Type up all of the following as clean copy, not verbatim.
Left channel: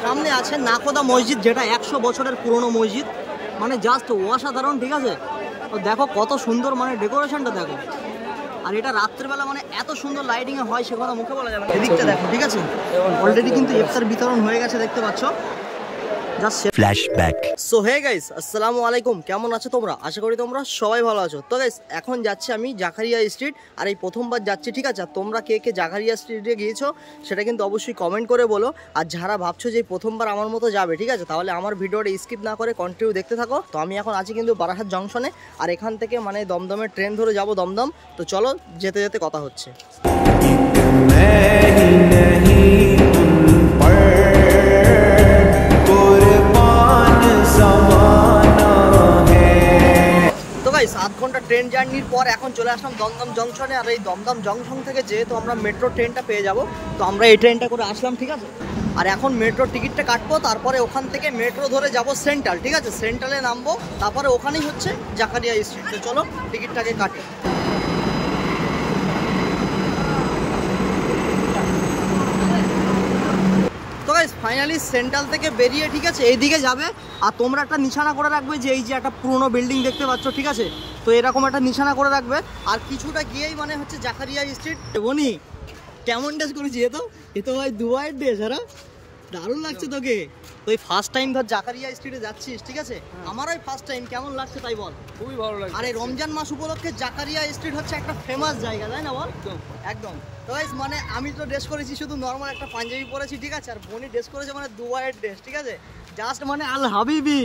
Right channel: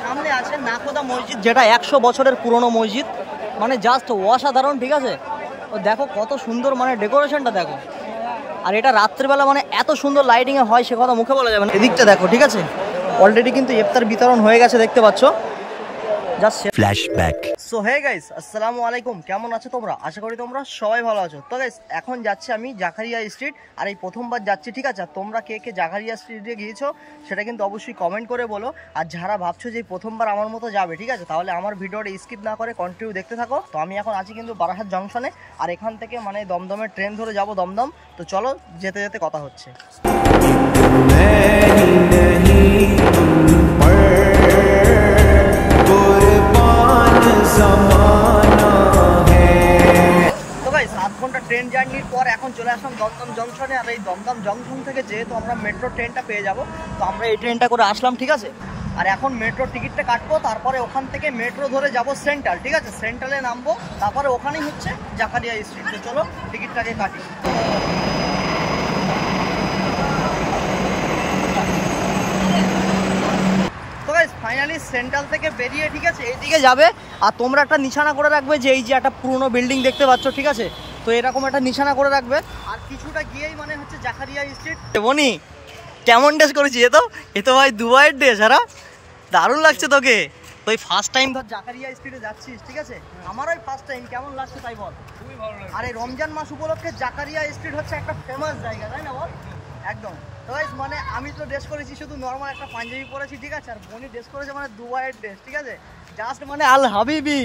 সামনে আছে নাকোদা মসজিদ, যেটা 100 বছরের পুরনো মসজিদ, মানে জাস্ট অসাধারণ। ঠিক আছে, তো দেখো কত সুন্দর মানে ডেকোরেশনটা দেখো। আর এটা রাত্রিবেলা মানে এত সুন্দর লাইটিংয়ে হয় সে কথা মুখে বলা যাবে না। এদিকটা দেখো, ঠিক আছে, অলরেডি কিন্তু ইফতার বিতরণ হয়ে গেছে দেখতে পাচ্ছ। Just flashback. So hey guys, আসসালামু আলাইকুম, কেমন আছো তোমরা? আশা করি তোমরা সবাই ভালো আছো। তো গাইস এখন যাচ্ছি আমি জাকারিয়া স্ট্রিট, আর এই প্রথমবার যাচ্ছি। ঠিক আছে, তোমরা কে কে জাকারিয়া স্ট্রিটে গিয়েছো সেটা কিন্তু অবশ্যই কমেন্ট করে বলো। আর যারা ভাবছো যে প্রথমবার আমার মতো যাবে, ঠিক আছে, তাহলে আমার ভিডিওটা স্কিপ না করে কন্টিনিউ দেখতে থাকো। তো আমি এখন আছি কিন্তু বারাহাত জংশনে, আর এখান থেকে মানে দমদমের ট্রেন ধরে যাব দমদম। তো চলো যেতে যেতে কথা হচ্ছে। তো গাইস 7 ঘন্টা ট্রেন জার্নির পর এখন চলে আসলাম দমদম জংশনে। আর এই দমদম জংশন থেকে যেহেতু আমরা মেট্রো ট্রেনটা পেয়ে যাব, তো আমরা এই ট্রেনটা করে আসলাম। ঠিক আছে, আর এখন মেট্রোর টিকিটটা কাটবো, তারপরে ওখান থেকে মেট্রো ধরে যাব সেন্ট্রাল। ঠিক আছে, সেন্ট্রালে নামবো, তারপরে ওখানেই হচ্ছে জাকারিয়া স্ট্রিট। তো চলো টিকিটটাকে কাটি। তো গাইস ফাইনালি সেন্ট্রাল থেকে বেরিয়ে, ঠিক আছে, এইদিকে যাবে। আর তোমরা একটা নিশানা করে রাখবে যে এই যে একটা পুরনো বিল্ডিং দেখতে পাচ্ছ, ঠিক আছে, তো এরকম একটা নিশানা করে রাখবে। আর কিছুটা গিয়েই মানে হচ্ছে জাকারিয়া স্ট্রিট। বনি কেমন ড্রেস করেছি? এ তো ভাই দুবাইয়ের ড্রেস। আর দারুণ লাগছে তোকে। তো এই ফার্স্ট টাইম ধর জাকারিয়া স্ট্রিটে যাচ্ছিস, ঠিক আছে, আমারও ফার্স্ট টাইম। কেমন লাগছে তাই বল? খুবই ভালো লাগছে। আর এই রমজান মাস উপলক্ষে জাকারিয়া স্ট্রিট হচ্ছে একটা ফেমাস জায়গা, তাই না বল? একদম। তো গাইস মানে আমি তো ড্রেস করেছি শুধু নর্মাল একটা পাঞ্জাবি পরেছি, ঠিক আছে, আর বনি ড্রেস করেছে মানে দুবাইয়ের ড্রেস। ঠিক আছে, জাস্ট মানে আল হাবিবি।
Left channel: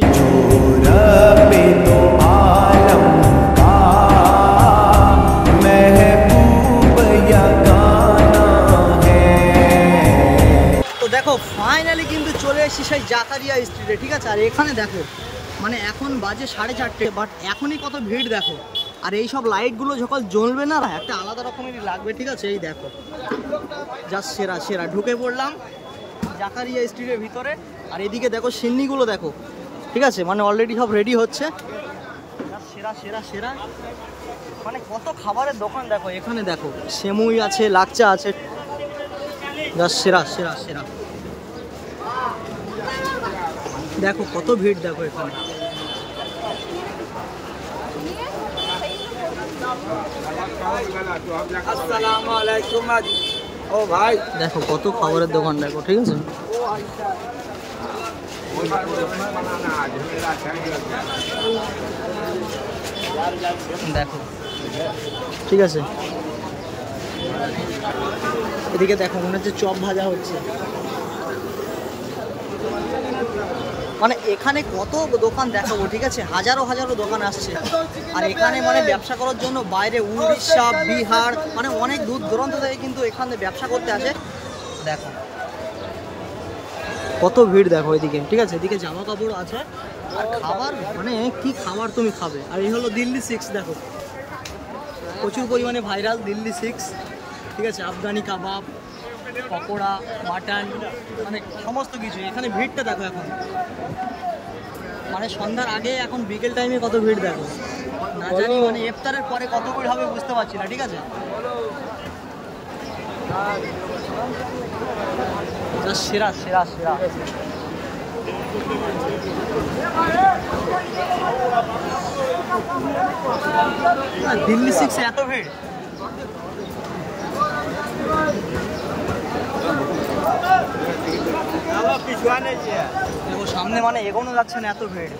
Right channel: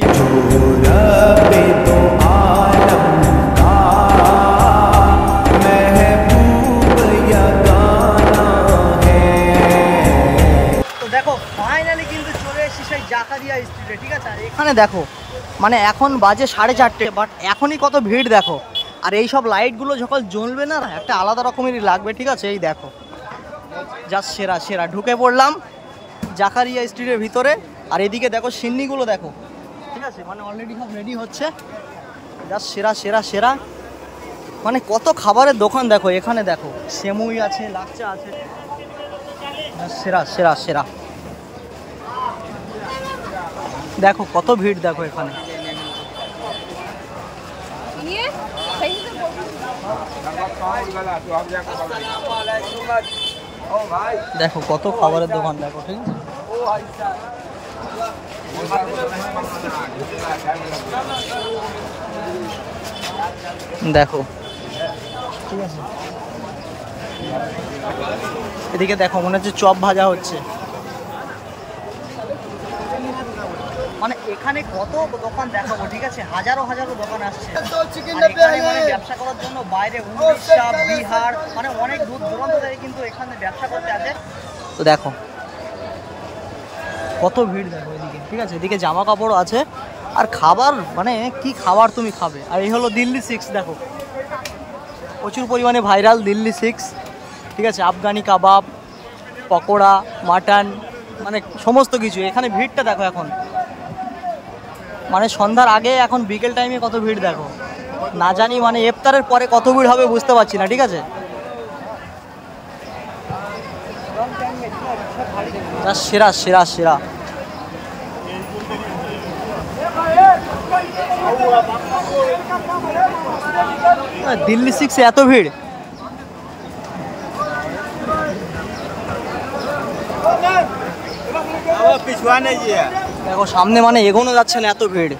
তো দেখো ফাইনালি কিন্তু চলে এসেছি সেই জাকারিয়া স্ট্রিটে। ঠিক আছে, আর এখানে দেখো মানে এখন বাজে 4:30, বাট এখনই কত ভিড় দেখো। আর এই সব লাইটগুলো যখন জ্বলবে না, একটা আলাদা রকমেরই লাগবে। ঠিক আছে, এই দেখো জাস্ট সেরা সেরা। ঢুকে পড়লাম জাকারিয়া স্ট্রিটের ভিতরে। আর এদিকে দেখো সিন্নিগুলো দেখো, ঠিক আছে, মানে অলরেডি সব রেডি হচ্ছে। জাস্ট সেরা সেরা সেরা। মানে কত খাবারের দোকান দেখো এখানে, দেখো সেমুই আছে, লাচ্চা আছে, জাস্ট সেরা সেরা সেরা। দেখো কত ভিড় দেখো এখানে। দেখো কত খাবারের দোকান দেখো, ঠিক আছে। দেখো ঠিক আছে, এদিকে দেখো মনে হচ্ছে চপ ভাজা হচ্ছে। মানে এখানে কত দোকান দেখাবো, ঠিক আছে, হাজারো হাজারো দোকান আসছে। আর এখানে মানে ব্যবসা করার জন্য বাইরে উড়িষ্যা, বিহার, মানে অনেক দূর দূরান্ত থেকে কিন্তু এখানে ব্যবসা করতে আসে। তো দেখো কত ভিড় দেখো এদিকে, ঠিক আছে, এদিকে জামা কাপড় আছে। আর খাবার মানে কি খাবার তুমি খাবে। আর এই হলো দিল্লি 6, দেখো প্রচুর পরিমাণে ভাইরাল দিল্লি 6, ঠিক আছে, আফগানি কাবাব, পকোড়া, মাটন, মানে সমস্ত কিছু। এখানে ভিড়টা দেখো এখন, মানে সন্ধ্যার আগে এখন বিকেল টাইমে কত ভিড় দেখো। না জানি মানে ইফতারের পরে কত ভিড় হবে বুঝতে পারছি না, ঠিক আছে। সেরা সেরা সেরা। দিল্লি 6 এত ভিড়। দেখো সামনে মানে এগোনো যাচ্ছে না, এত ভিড়।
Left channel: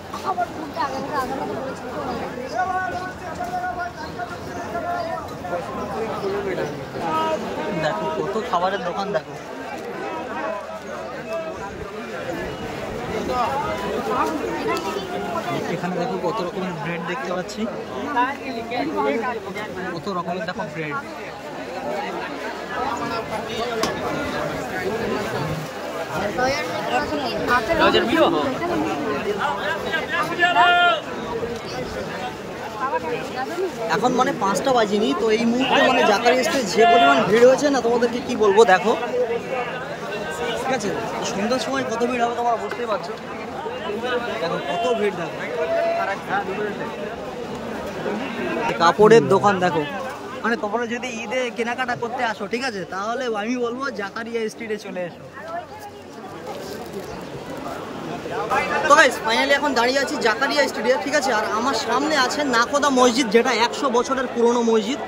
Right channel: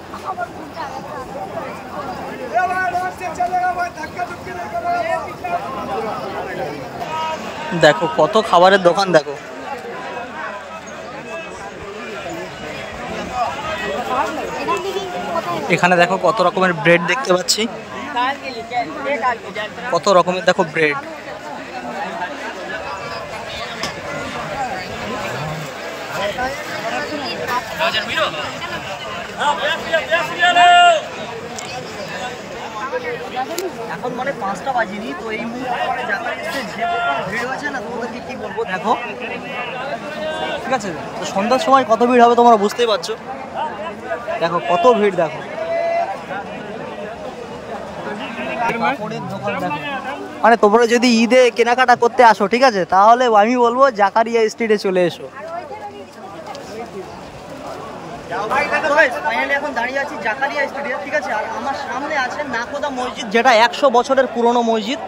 দেখো কত খাবারের দোকান দেখো। এখানে দেখো কত রকমের ব্রেড দেখতে পাচ্ছি, কত রকমের দেখো ব্রেড। এখন মানে 5টা বাজেনি। তো এই মুহূর্তে মানে জাকারিয়া স্ট্রিটে যে পরিমাণ ভিড় হয়েছে না, তোমাদেরকে কি বলবো দেখো, ঠিক আছে। তো সন্ধ্যার সময় কত ভিড় হবে তোমরা বুঝতেই পারছো। দেখো কত ভিড় দেখো। কাপড়ের দোকান দেখো, মানে তোমরা যদি ঈদে কেনাকাটা করতে আসো, ঠিক আছে, তাহলে আমি বলবো জাকারিয়া স্ট্রিটে চলে এসো। গাইস ফাইনালি এখন দাঁড়িয়ে আছি জাকারিয়া স্টেডিয়াম, ঠিক আছে। আর আমার সামনে আছে নাখোদা মসজিদ, যেটা 100 বছরের পুরনো মসজিদ,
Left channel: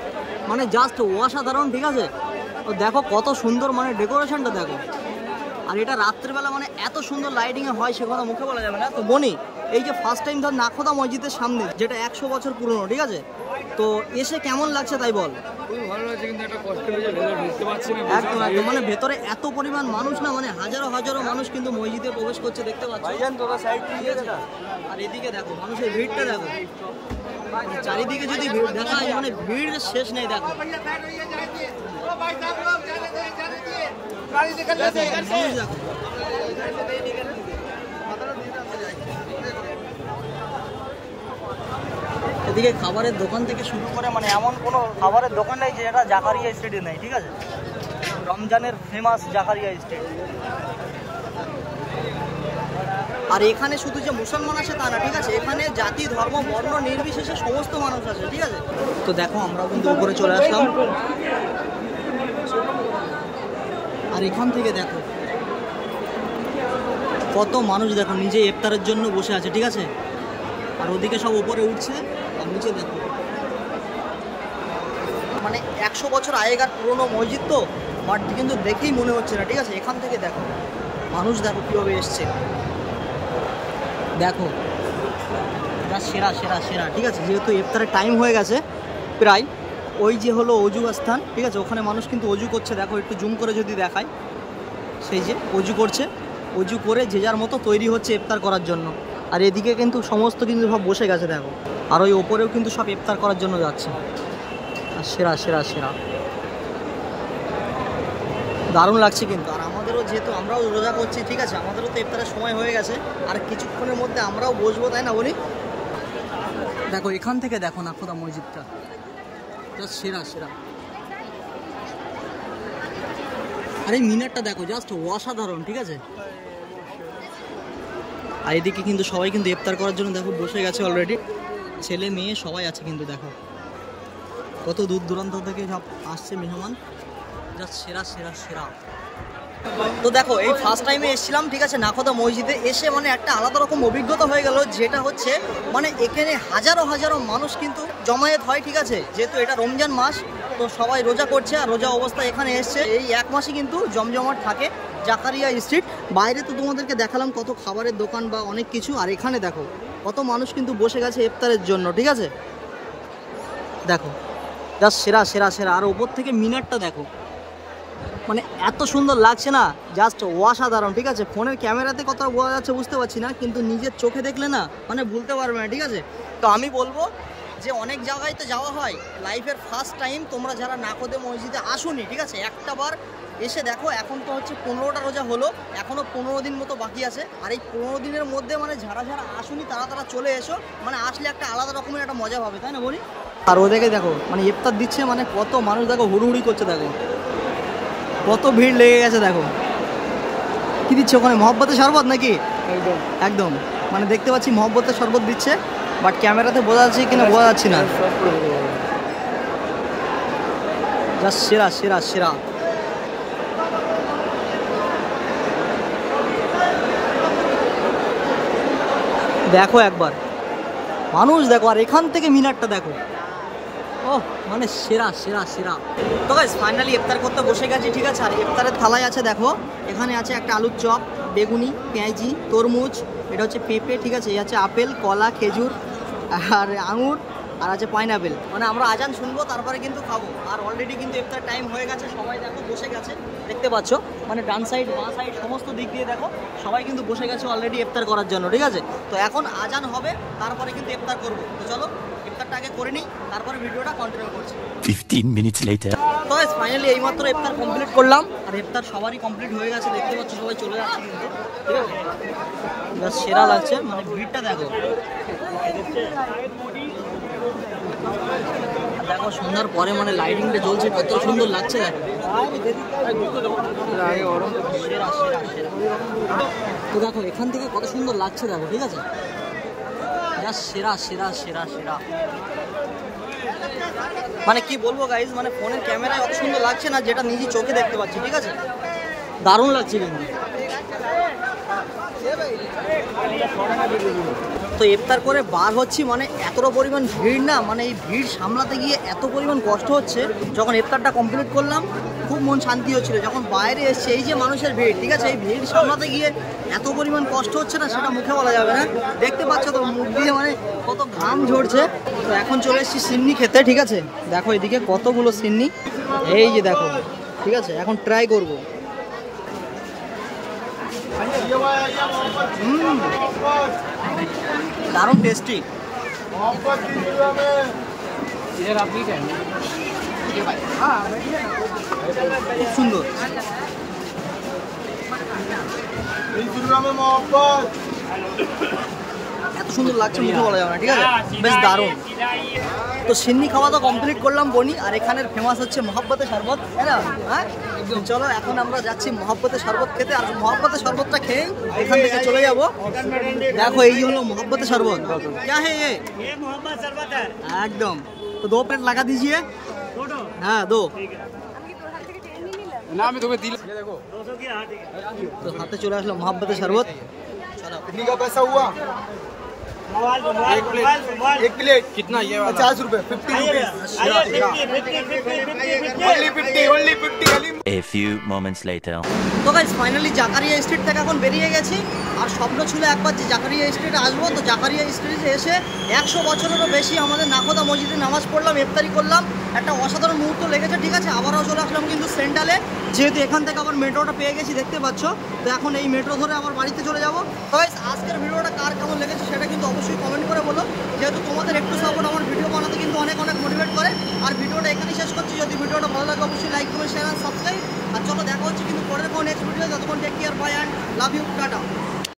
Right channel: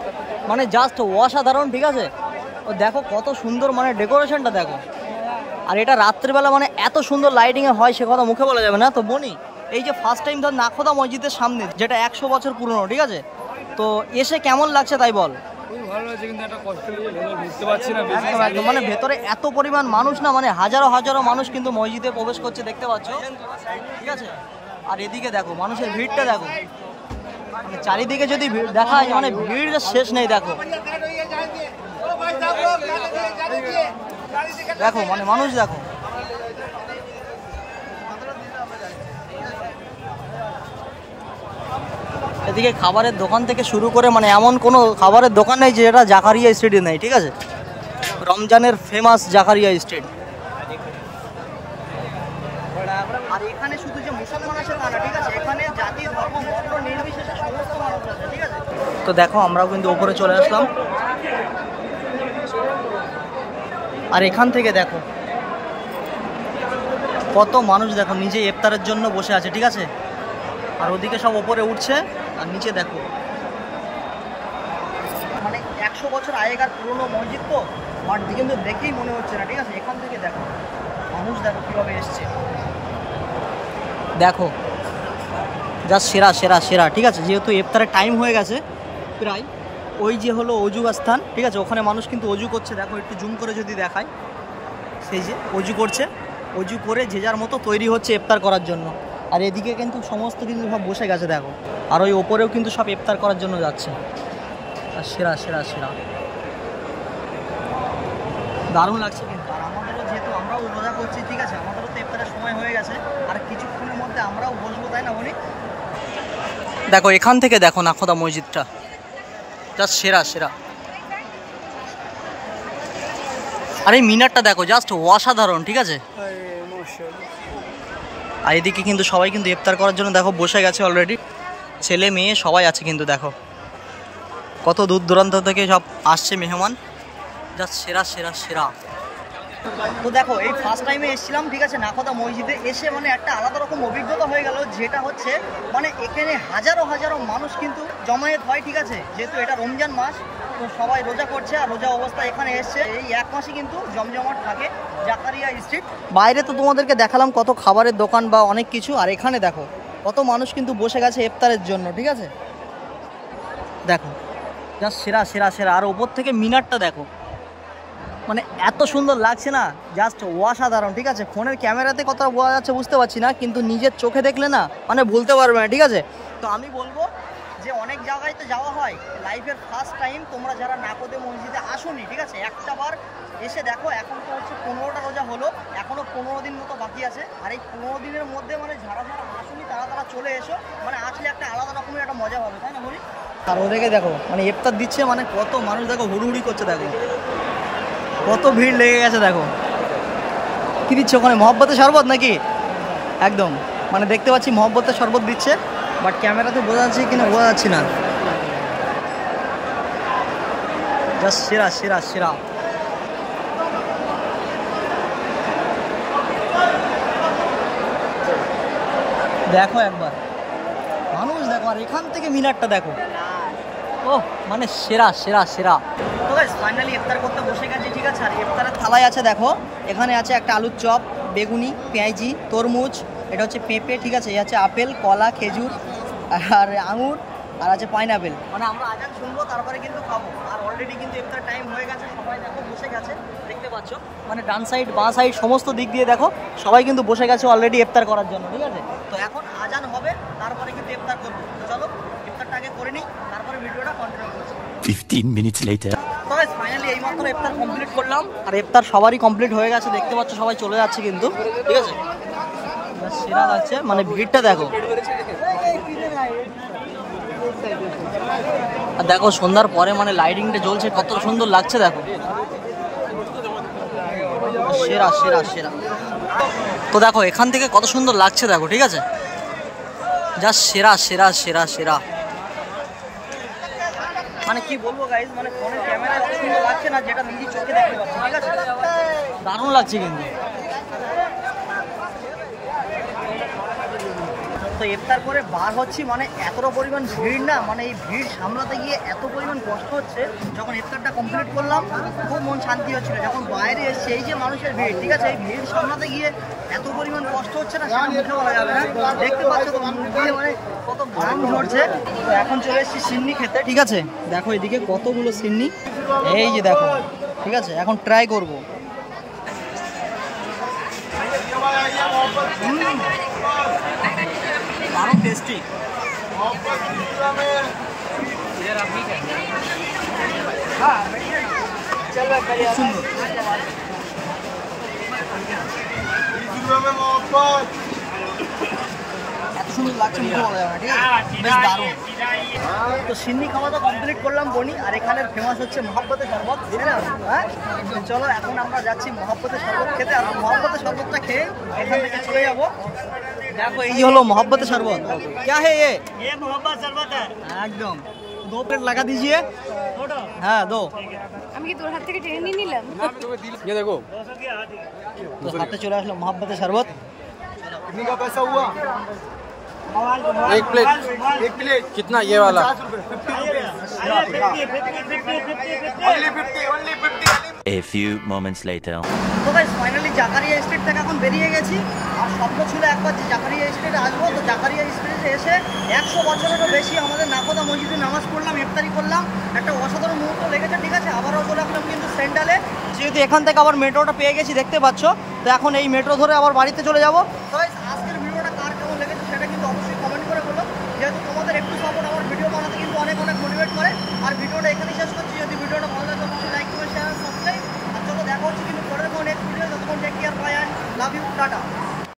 মানে জাস্ট অসাধারণ, ঠিক আছে। তো দেখো কত সুন্দর মানে ডেকোরেশনটা দেখো। আর এটা রাত্রিবেলা মানে এত সুন্দর লাইটিংয়ে হয় সে কথা মুখে বলা যাবে না। তো বনি, এই যে ফার্স্ট টাইম ধর নাখোদা মসজিদের সামনে, যেটা 100 বছর পুরনো, ঠিক আছে, তো এসে কেমন লাগছে তাই বল। খুবই ভালো লাগছে, কিন্তু একটা কষ্ট হয়েছে, ভেতরে ঢুকতে পারছি না। একদম একদম, মানে ভেতরে এত পরিমাণ মানুষ না, মানে হাজারো হাজারো মানুষ কিন্তু মসজিদে প্রবেশ করছে, দেখতে পাচ্ছ, ঠিক আছে। আর এদিকে দেখো মানুষের ভিড়টা দেখো, মানে চারিদিকে যদি ভিড় দেখা হয়, মানে ভিড় শেষ নেই। দেখো দেখো মানে মানুষ দেখো। এদিকে খাবারের দোকান থেকে শুরু করে মানে এমন কোনো খাবারের দোকান নেই যেটা জাকারিয়া স্ট্রিটে নেই, ঠিক আছে। রমজানের ফেমাস জাকারিয়া স্ট্রিট। আর এখানে শুধু যে মুসলমান আছে তা না, ঠিক আছে, এখানে জাতি ধর্ম বর্ণ নির্বিশেষে সমস্ত মানুষ আছে, ঠিক আছে। তো দেখো আমরাও কিন্তু উপরে চলে আসলাম। আর এখান থেকে দেখো কত মানুষ দেখো নিজে ইফতারের জন্য বসে আছে, ঠিক আছে। আর ওদিকে সব ওপরে উঠছে, আর নিচে দেখো মানে 100 বছর আগেকার পুরনো মসজিদ তো, বাট কিন্তু দেখেই মনে হচ্ছে না, ঠিক আছে। এখান থেকে দেখো মানুষ দেখো কীভাবে এসছে, দেখো যা সেরা সেরা সেরা, ঠিক আছে। যেহেতু ইফতারের টাইম হয়ে গেছে প্রায়, ওই যে হলো অজু স্থান, ঠিক আছে, ওখানে মানুষ কিন্তু অজু করছে। দেখো একটু জুম করে যদি দেখায়, সেই যে অজু করছে, অজু করে যে যার মতো তৈরি হচ্ছে ইফতার করার জন্য। আর এদিকে কিন্তু সমস্ত কিন্তু সব বসে গেছে দেখো, আর ওই ওপরেও কিন্তু সব ইফতার করার জন্য যাচ্ছে। আর সেরা সেরা সেরা, দারুণ লাগছে কিন্তু। আর আমাদেরও যেহেতু আমরাও রোজা করছি, ঠিক আছে, আমাদেরও তো ইফতারের সময় হয়ে গেছে, আর কিছুক্ষণের মধ্যে আমরাও বসবো, তাই না বলি। দেখো এখান থেকে দেখো নাখোদা মসজিদটা জাস্ট সেরা সেরা। আর এই মিনারটা দেখো জাস্ট অসাধারণ, ঠিক আছে। আর এদিকে কিন্তু সবাই কিন্তু ইফতার করার জন্য দেখো বসে গেছে অলরেডি, ছেলে মেয়ে সবাই আছে কিন্তু। দেখো কত দূর দূরান্ত থেকে সব আসছে মেহমান, জাস্ট সেরা সেরা সেরা। তো দেখো এই ফার্স্ট টাইমে এসেছিলাম, ঠিক আছে, নাখোদা মসজিদে এসে মানে একটা আলাদা রকম অভিজ্ঞতা হয়ে গেল, যেটা হচ্ছে মানে এখানে হাজারো হাজারো মানুষ কিন্তু জমায়েত হয়, ঠিক আছে। যেহেতু এটা রমজান মাস, তো সবাই রোজা করছে, আর রোজা অবস্থায় এখানে এসছে। এই এক মাসই কিন্তু জমজমাট থাকে জাকারিয়া স্ট্রিট। বাইরে তো তোমাদেরকে দেখালাম কত খাবারের দোকান বা অনেক কিছু, আর এখানে দেখো কত মানুষ কিন্তু বসে গেছে ইফতারের জন্য, ঠিক আছে। দেখো জাস্ট সেরা সেরা সেরা। আর ওপর থেকে মিনারটা দেখো, মানে এত সুন্দর লাগছে না, জাস্ট অসাধারণ, ঠিক আছে। ফোনের ক্যামেরাতে কতটা বোঝা যাচ্ছে বুঝতে পারছি না, কিন্তু নিজের চোখে দেখলে না মানে ভুলতে পারবে না, ঠিক আছে। তো আমি বলবো যে অনেক জায়গায় তো যাওয়া হয়, লাইফের ফার্স্ট টাইম তোমরা যারা নাখোদা মসজিদে আসোনি, ঠিক আছে, একটা বার এসে দেখো। এখন তো হচ্ছে 15টা রোজা হলো, এখনও 15 দিন মতো বাকি আছে। আর এই 15 দিনের মধ্যে মানে যারা যারা আসুনি তারা চলে এসো, মানে আসলে একটা আলাদা রকমের একটা মজা পাবে, তাই না বলি। আর ওদেরকে দেখো মানে ইফতার দিচ্ছে, মানে কত মানুষ দেখো হুড়ুহুড়ি করছে, দেখো কত ভিড় লেগে গেছে। দেখো কি দিচ্ছে ওখানে, মহব্বতের শরবত নাকি? একদম, মানে দেখতে পাচ্ছি মহব্বতের শরবত দিচ্ছে, বাট ক্যামেরাতে বোঝা যাচ্ছে কিনা বোঝা যাচ্ছে না। জাস্ট সেরা সেরা সেরা। দেখো একবার মানুষ দেখো, আর এখান থেকে মিনারটা দেখো, ও মানে সেরা সেরা সেরা। তো গাইস ফাইনালি ইফতার করতে বসে গেছি, ঠিক আছে। আর ইফতারের থালায় আছে দেখো, এখানে আছে একটা আলুর চপ, বেগুনি, পেঁয়াজি, তরমুজ, এটা হচ্ছে পেঁপে, ঠিক আছে, এই আছে আপেল, কলা, খেজুর আর আঙুর, আর আছে পাইনাপেল। মানে আমরা আজান শুনবো তারপরে কিন্তু খাবো। আর অলরেডি কিন্তু ইফতার টাইম হয়ে গেছে, সবাই দেখো বসে গেছে, দেখতে পাচ্ছ, মানে ডান সাইড বাঁ সাইড সমস্ত দিক দিয়ে দেখো সবাই কিন্তু বসে গেছে অলরেডি ইফতার করার জন্য, ঠিক আছে। তো এখন আজান হবে, তারপরে কিন্তু ইফতার করবো। তো চলো ইফতারটা আগে করে নিই, তারপরে ভিডিওটা কন্টিনিউ করছি। 15 minutes later. তো ফাইনালি এইমাত্র ইফতার কমপ্লিট করলাম, আর ইফতার সবারই কমপ্লিট হয়ে গেছে, দেখতে পাচ্ছ সবাই চলে যাচ্ছে কিন্তু, ঠিক আছে। জাস্ট সেরা লাগছে, মানে ভিড়টা দেখো। আর দেখো সন্ধ্যার পরে মানে লাইটিংটা জ্বলছে, কত সুন্দর লাগছে দেখো, সেরা সেরা সেরা। তো দেখো এখান থেকে কত সুন্দর লাগছে দেখো, ঠিক আছে, জাস্ট সেরা সেরা সেরা সেরা। মানে কি বলবো গাইজ, মানে ফোনের ক্যামেরায় অত সুন্দর লাগছে না, যেটা নিজে চোখে দেখতে পাচ্ছি, ঠিক আছে, দারুণ লাগছে কিন্তু। তো ইফতার করে বার হচ্ছি, মানে এতটা পরিমাণ ভিড় না, মানে এই ভিড় সামলাতে গিয়ে এত পরিমাণ কষ্ট হচ্ছে। যখন ইফতারটা কমপ্লিট করলাম খুব মন শান্তি হচ্ছিল, যখন বাইরে এসছে এই যে মানুষের ভিড়, ঠিক আছে, এই ভিড় সামলাতে গিয়ে এত পরিমাণ কষ্ট হচ্ছে না, সেটা মুখে বলা যাবে না। দেখতে পাচ্ছ তো মুখ দিয়ে মানে কত ঘাম ঝরছে। তো এখন চলে এসেছি সিন্নি খেতে, ঠিক আছে, দেখো এদিকে কতগুলো সিন্নি, এই যে দেখো, ঠিক আছে, এখন ট্রাই করব। দারুণ টেস্টি। খুব সুন্দর, এত সুন্দর লাগছে মুখে বলা যাবে না, ঠিক আছে, বেশ দারুণ। তো সিন্নি খাওয়া তো কমপ্লিট করলাম বনি, আর এখানের ফেমাস হচ্ছে মহাব্বতে শরবত, তাই না? হ্যাঁ, চলো এখন আমরা যাচ্ছি মহাব্বতে শরবত খেতে, আর মহাব্বতে শরবতটা খেয়ে এখান থেকে চলে যাব। দেখো এই হলো মহাব্বতে শরবত। क्या है ये मोहब्बत शरबत है एकदम। तो 2 प्लेट लगा दीजिए। हाँ 2। আমি কি তোর হাত থেকে টেনে নিয়ে নিলাম? না আমি তোকে দিলাম, ये देखो। তো হাতে চলে আসলো মহাব্বতে শরবত। का पैसा हुआ 1 प्लेट कितना ये वाला? 50 रुपए 50 rupees. only 50 A few moments later. তো গাইস ফাইনালি জাকারিয়া স্ট্রিট থেকে এখন বেরিয়ে গেছি, আর স্বপ্ন ছিল একবার যে জাকারিয়া স্ট্রিটে আসবো। তো জাকারিয়া স্ট্রিটে এসে 100 বছরেরও বেশি আমাদের নাকোদা মসজিদে নামাজ পড়লাম, ইফতারি করলাম, একটা অসাধারণ মুহূর্ত লেগেছে, ঠিক আছে। আবারও চলে আসলাম কিন্তু সেন্ট্রালে, যেহেতু এখান থেকে আবার মেট্রোটা পেয়ে গেছি, দেখতে পাচ্ছ। তো এখন এই মেট্রো ধরে আবার বাড়িতে চলে যাবো। গাইস আজকের ভিডিওটা কার কেমন লেগেছে সেটা কিন্তু অবশ্যই কমেন্ট করে বলো, যেহেতু তোমাদের একটু সাপোর্ট আমার ভিডিও বানাতে কিন্তু অনেক অনেক মোটিভেট করে। আর ভিডিওটা এখানেই শেষ করছি, যদি ভিডিওটা ভালো লাগে অবশ্যই লাইক করবে, শেয়ার, সাবস্ক্রাইব। আর চলো দেখা হচ্ছে কিন্তু পরের কোনো নেক্সট ভিডিও। যতক্ষণ take care, bye and love you, tata.